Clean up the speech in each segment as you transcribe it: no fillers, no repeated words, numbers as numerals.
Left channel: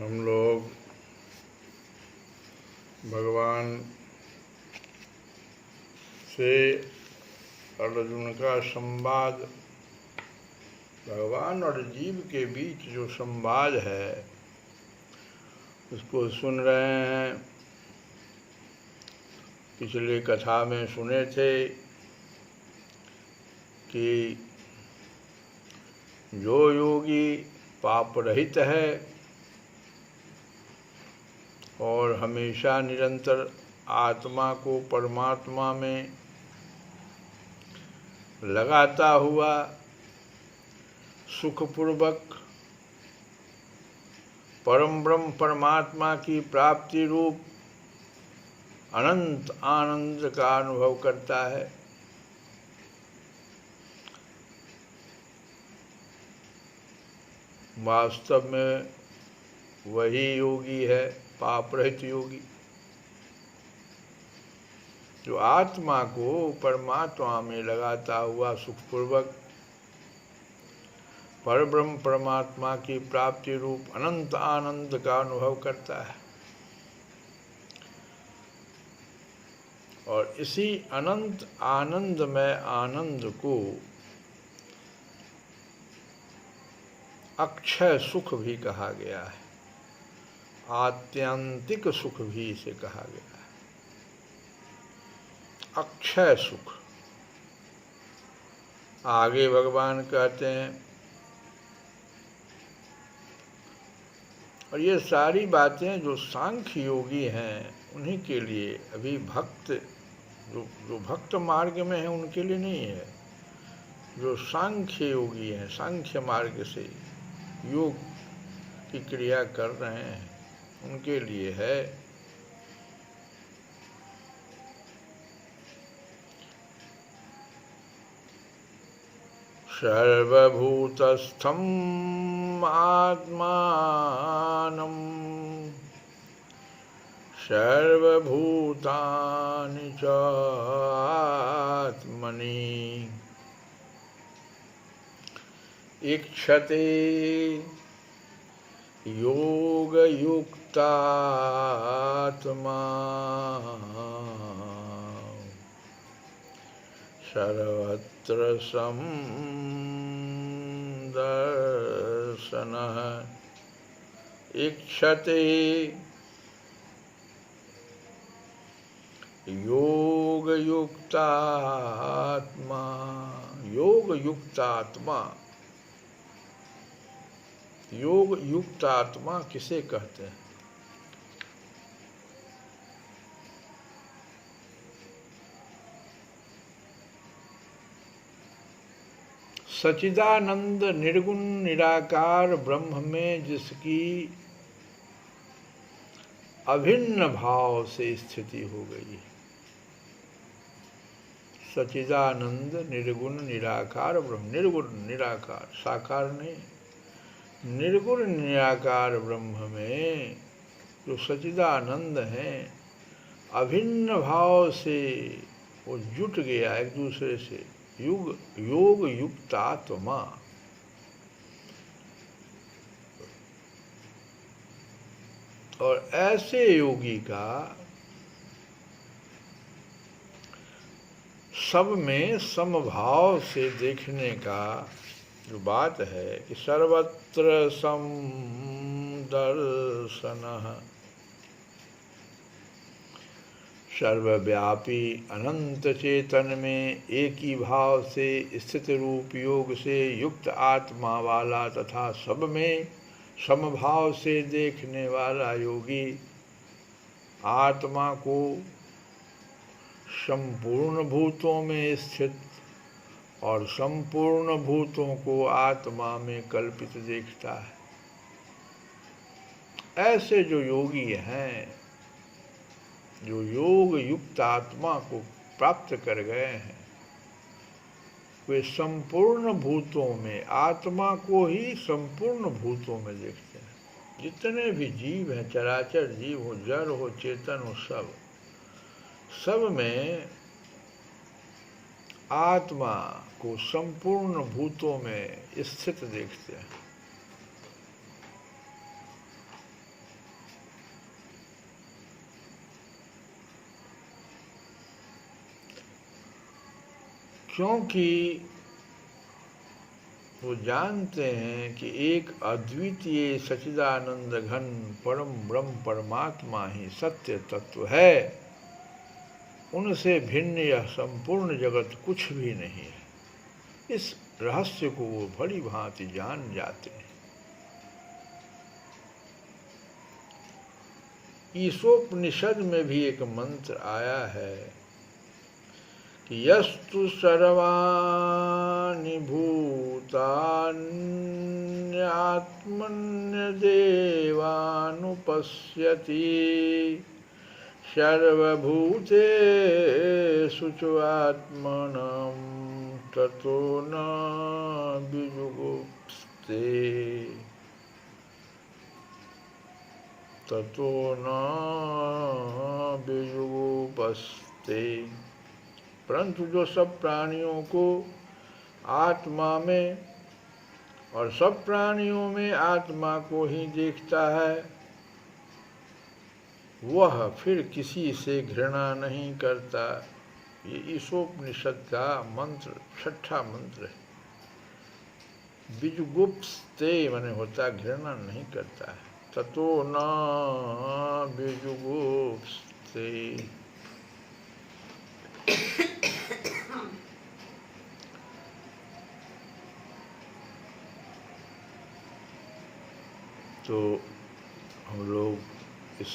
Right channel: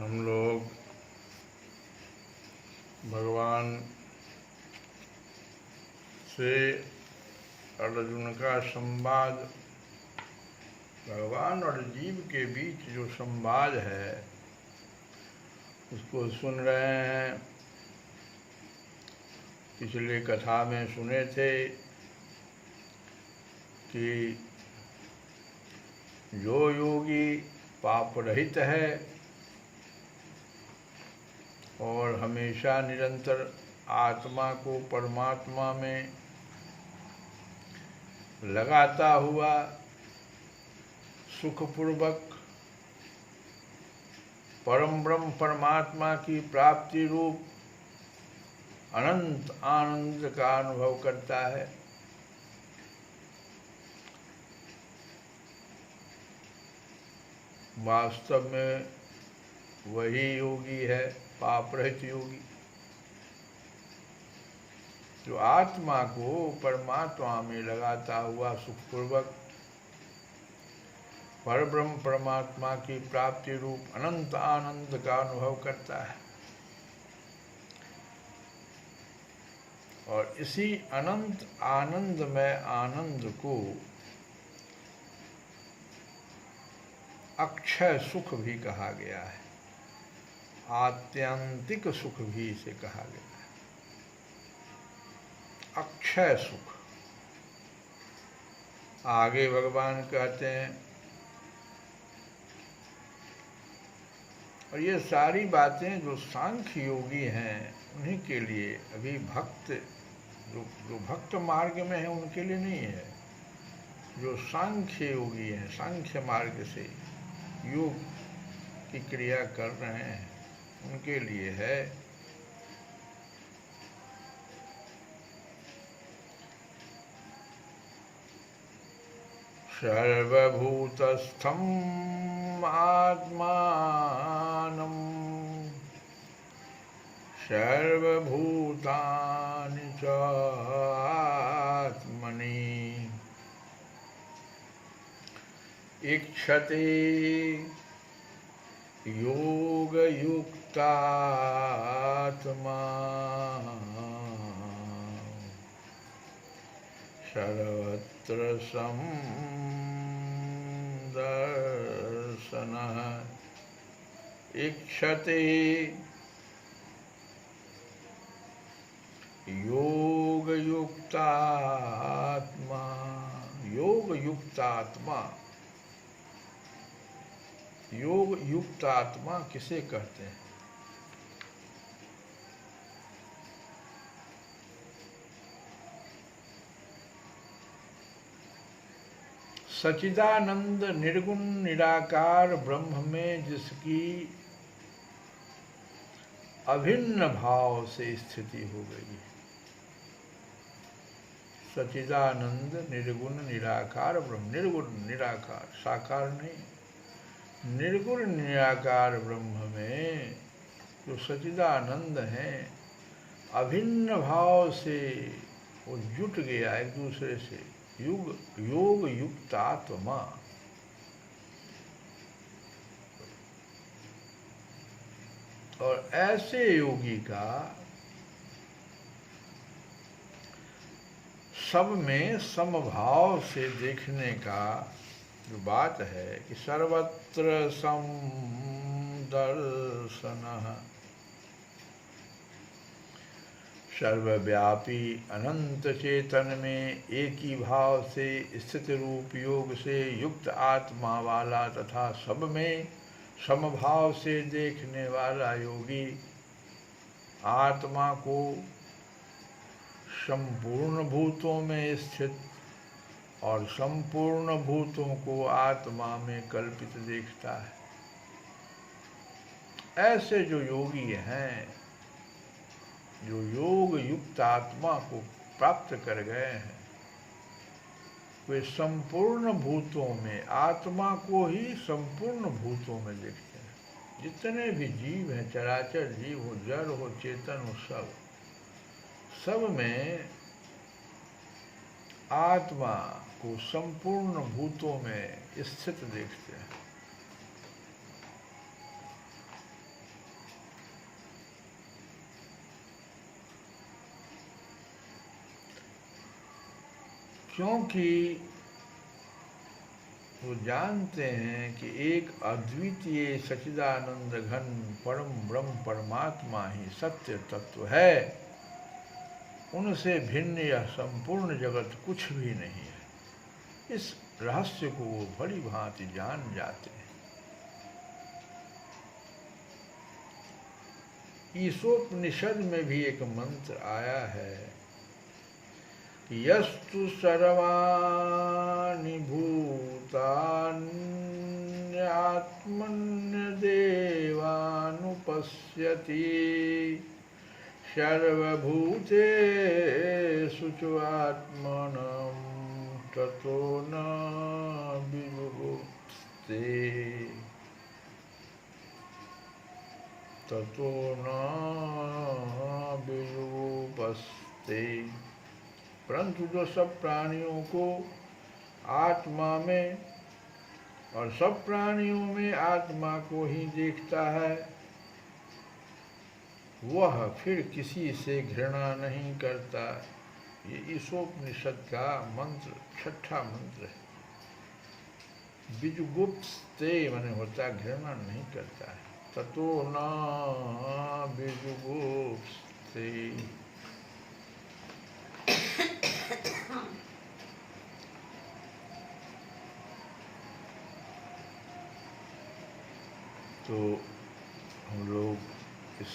हम लोग भगवान से अर्जुन का संवाद, भगवान और जीव के बीच जो संवाद है उसको सुन रहे हैं। पिछले कथा में सुने थे कि जो योगी पाप रहित है और हमेशा निरंतर आत्मा को परमात्मा में लगाता हुआ सुखपूर्वक परम ब्रह्म परमात्मा की प्राप्ति रूप अनंत आनंद का अनुभव करता है, वास्तव में वही योगी है पाप रहित योगी, जो आत्मा को परमात्मा में लगाता हुआ सुखपूर्वक परब्रह्म परमात्मा की प्राप्ति रूप अनंत आनंद का अनुभव करता है। और इसी अनंत आनंद में आनंद को अक्षय सुख भी कहा गया है, आत्यंतिक सुख भी इसे कहा गया है। अक्षय सुख आगे भगवान कहते हैं, और ये सारी बातें जो सांख्य योगी हैं उन्हीं के लिए, अभी भक्त जो भक्त मार्ग में है उनके लिए नहीं है। जो सांख्य योगी हैं, सांख्य मार्ग से योग की क्रिया कर रहे हैं उनके लिए है। सर्वभूतस्थं आत्मानं सर्वभूतानि च आत्मनि इक्षते योगयुक्तात्मा सर्वत्र समदर्शनः। इक्षते योगयुक्तात्मा, योगयुक्तात्मा, योग युक्त आत्मा किसे कहते हैं? सच्चिदानंद निर्गुण निराकार ब्रह्म में जिसकी अभिन्न भाव से स्थिति हो गई। सच्चिदानंद निर्गुण निराकार ब्रह्म, निर्गुण निराकार, साकार नहीं, निर्गुण निराकार ब्रह्म में जो सच्चिदानंद हैं अभिन्न भाव से वो जुट गया एक दूसरे से, योग युक्त आत्मा। और ऐसे योगी का सब में समभाव से देखने का जो बात है कि सर्वत्र समदर्शनः, सर्वव्यापी अनंत चेतन में एक ही भाव से स्थित रूप योग से युक्त आत्मा वाला तथा सब में समभाव से देखने वाला योगी आत्मा को संपूर्ण भूतों में स्थित और संपूर्ण भूतों को आत्मा में कल्पित देखता है। ऐसे जो योगी हैं, जो योग युक्त आत्मा को प्राप्त कर गए हैं, वे संपूर्ण भूतों में आत्मा को ही संपूर्ण भूतों में देखते हैं। जितने भी जीव हैं, चराचर जीव हो, जड़ हो, चेतन हो, सब में आत्मा को संपूर्ण भूतों में स्थित देखते हैं। क्योंकि वो जानते हैं कि एक अद्वितीय सच्चिदानंद घन परम ब्रह्म परमात्मा ही सत्य तत्व है। उनसे भिन्न यह संपूर्ण जगत कुछ भी नहीं है। इस रहस्य को वो भली भांति जान जाते हैं। ईशोपनिषद में भी एक मंत्र आया है कि यस्तु सर्वाणि भूतान्यात्मन्यदेवानुपश्यति सर्वभूतेषु आत्मनं ततो न विजुगुप्सते ततो न विजुगुप्सते। परंतु जो सब प्राणियों को आत्मा में और सब प्राणियों में आत्मा को ही देखता है, वह फिर किसी से घृणा नहीं करता। ये ईशोपनिषद का मंत्र, छठा मंत्र है। विजुगुप्सते माने होता घृणा नहीं करता है। ततो न विजुगुप्सते। तो हम लोग इस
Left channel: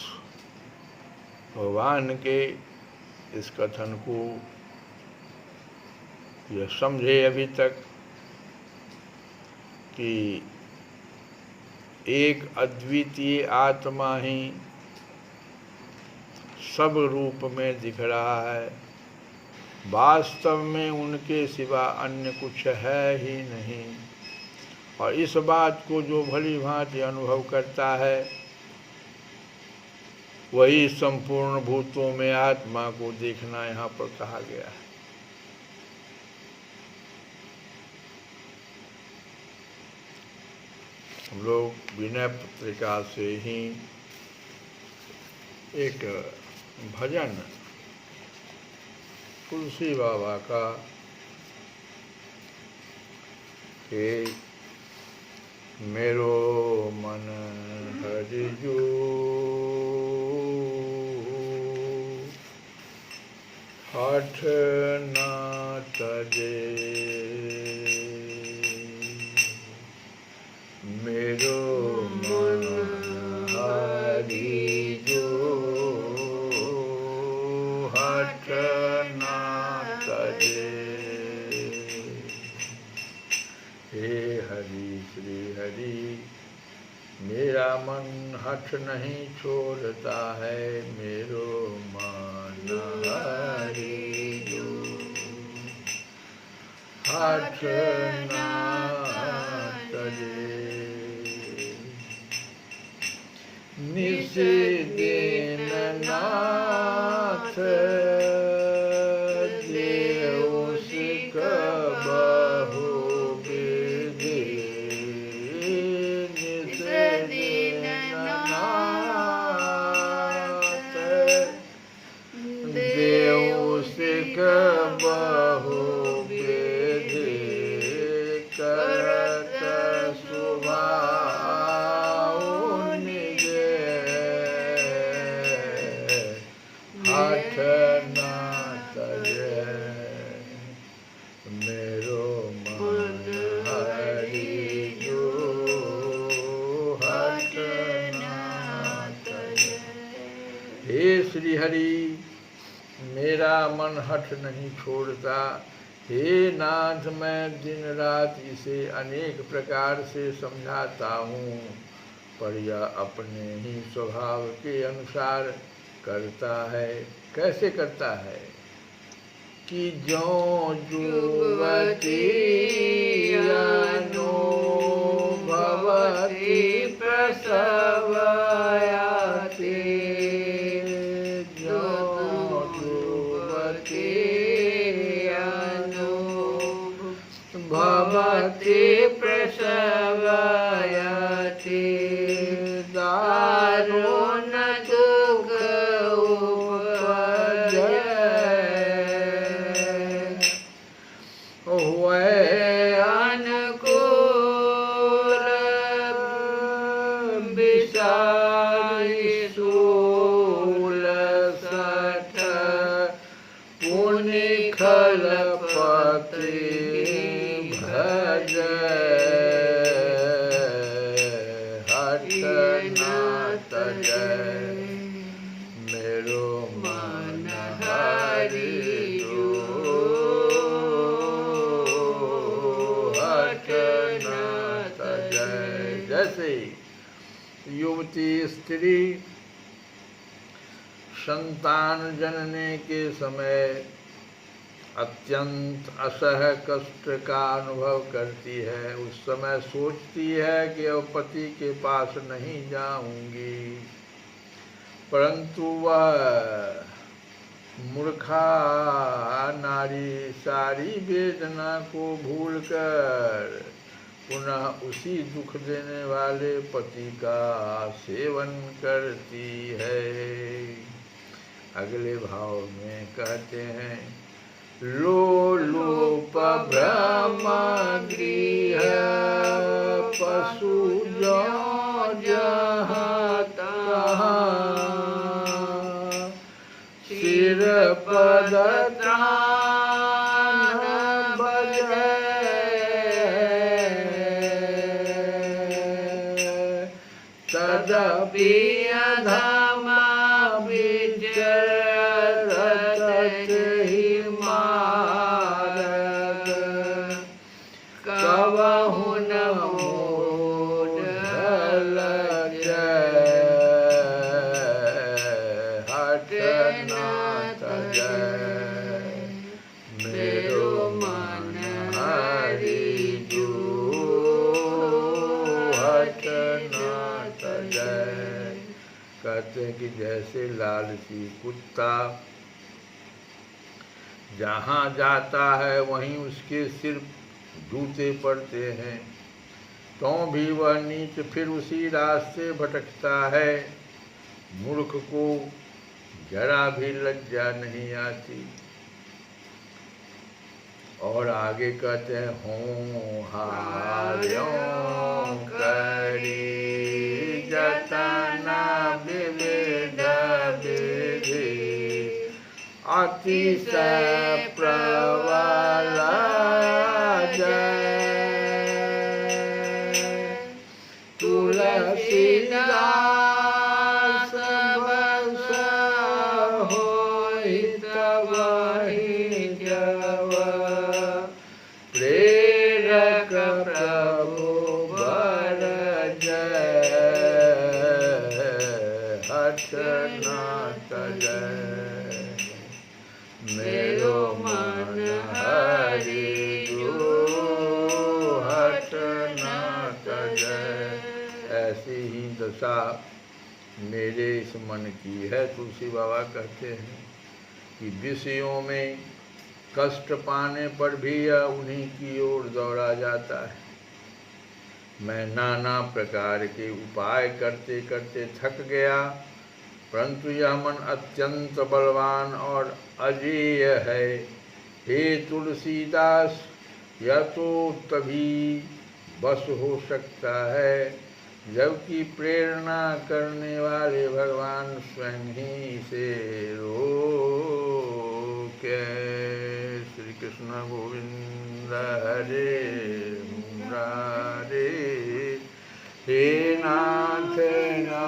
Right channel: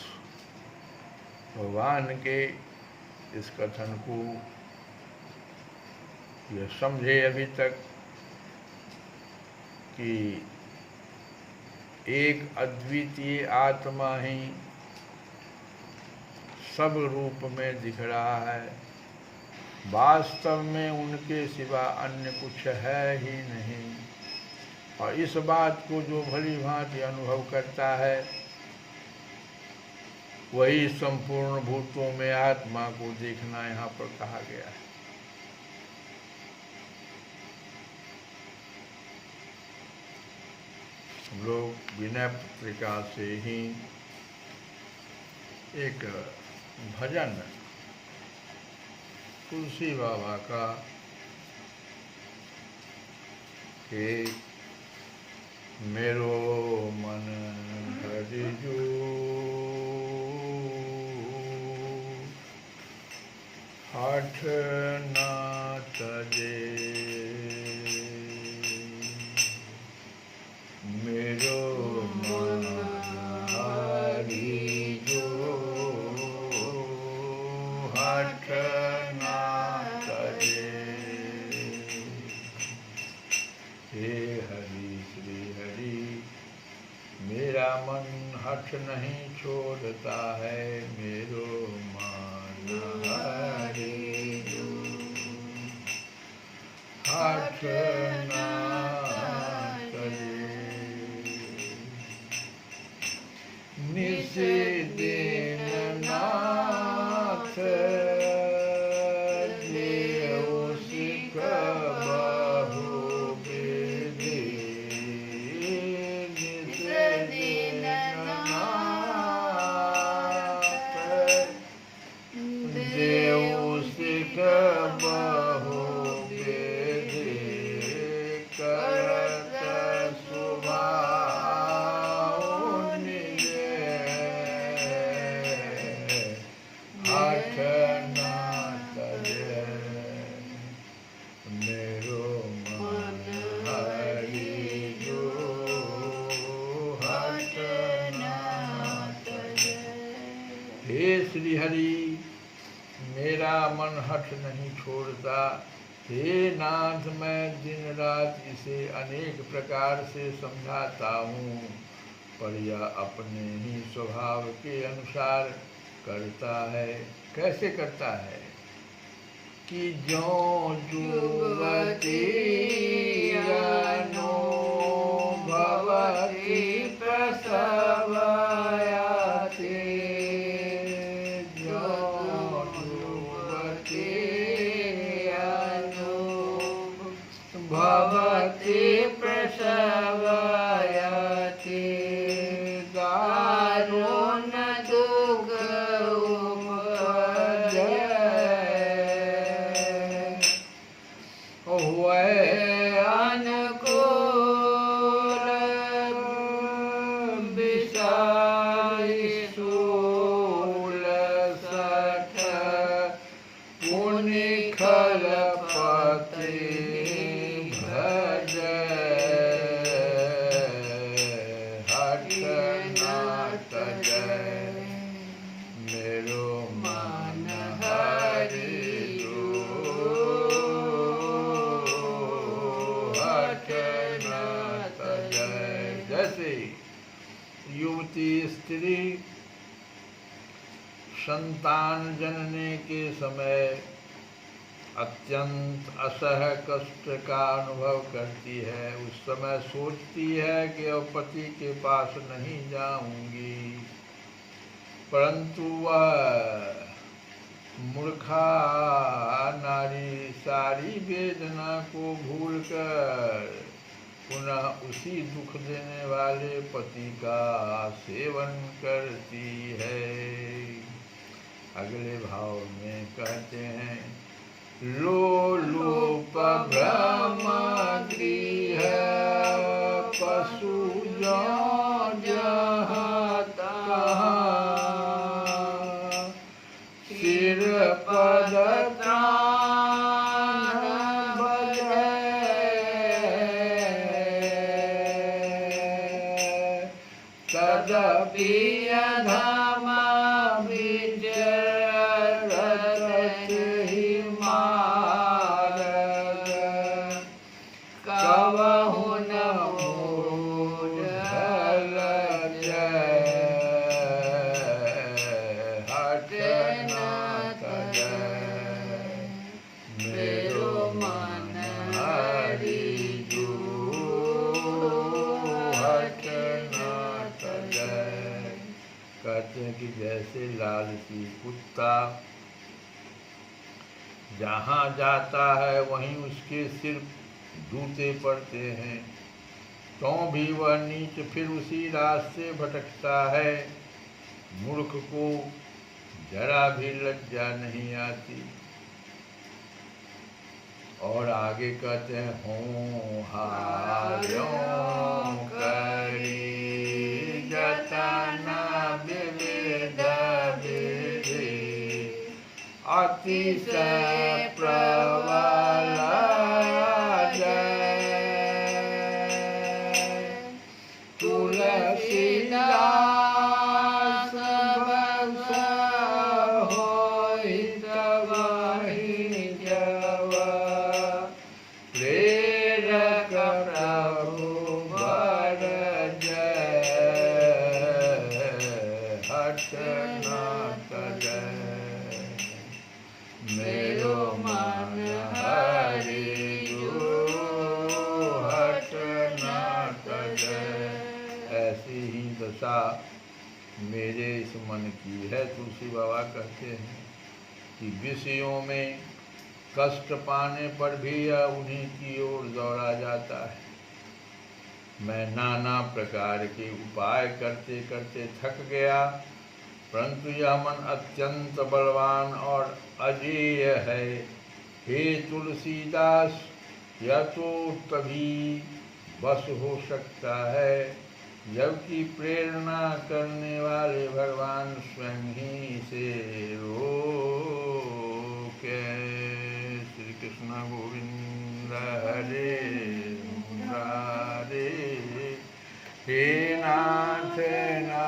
भगवान के इस कथन को यह समझे अभी तक कि एक अद्वितीय आत्मा ही सब रूप में दिख रहा है। वास्तव में उनके सिवा अन्य कुछ है ही नहीं। और इस बात को जो भली भांति अनुभव करता है, वही संपूर्ण भूतों में आत्मा को देखना यहाँ पर कहा गया है। हम लोग विनय पत्रिका से ही एक भजन तुलसी बाबा का कि मेरो मन हरिजू हठ ना तजे मेरो मन हरिजू हठ ना तजे। हे हरि श्री हरि, मेरा मन हठ नहीं छोड़ता है। मेरो मन हरिजू हठ ना तजे। निशिदिन नाथ देव सिख बहु विधि। निशिदिन नाथ देव सिख बहु विधि। करत सुभाव निज हठ ना तजे। मेरो मन हरिजू हठ ना तजे। हे श्री हरि, मेरा मन हठ नहीं छोड़ता। हे नाथ, मैं दिन रात इसे अनेक प्रकार से समझाता हूँ, पर यह अपने ही स्वभाव के अनुसार करता है। कैसे करता है कि ज्यों जुवती अनुभवति प्रसवयाति। ज्यों जुवती अनुभवति प्रसवयाति। दारुण दुःख उपजै वह अनुकूल विसारी शूल सठ पुनि खलपति भज हट न तजय मेरो मन हरि जो हट न तजय। जैसे युवती स्त्री संतान जनने के समय अत्यंत असह कष्ट का अनुभव करती है, उस समय सोचती है कि अब पति के पास नहीं जाऊंगी, परंतु वह मूर्खा नारी सारी वेदना को भूलकर पुनः उसी दुख देने वाले पति का सेवन करती है। अगले भाव में कहते हैं, लोलुप ब्रह्म गृह पशु जो जहाँ तहाँ सिर पद त्राण बजै तदपि अधमा विचरत ही मारग कबहु न मूढ़ल हट न तजय मेरो मन हरि जो हट न तजय। कहते हैं कि जैसे लालची कुत्ता जहाँ जाता है वहीं उसके सिर जूते पड़ते हैं, तो भी वह नीच फिर उसी रास्ते भटकता है। मूर्ख को जरा भी लज्जा नहीं आती। और आगे कहते हैं, होहार्यों करी जतना विविध विधि अतिशय प्रबल तुलसीदास बस होइत वही जव प्रेरक प्रभु वर जय हट न तजय मेरो मन हरि जो हट न तजय। ऐसी ही दशा मेरे इस मन की है। तुलसी बाबा कहते हैं कि विषयों में कष्ट पाने पर भी यह उन्हीं की ओर दौड़ा जाता है। मैं नाना प्रकार के उपाय करते करते थक गया, परंतु यह मन अत्यंत बलवान और अजेय है। हे तुलसीदास, यह तो तभी बस हो सकता है जबकि प्रेरणा करने वाले भगवान स्वयं ही इसे रोके। श्री कृष्ण गोविंद हरे मुरारे हे नाथ ना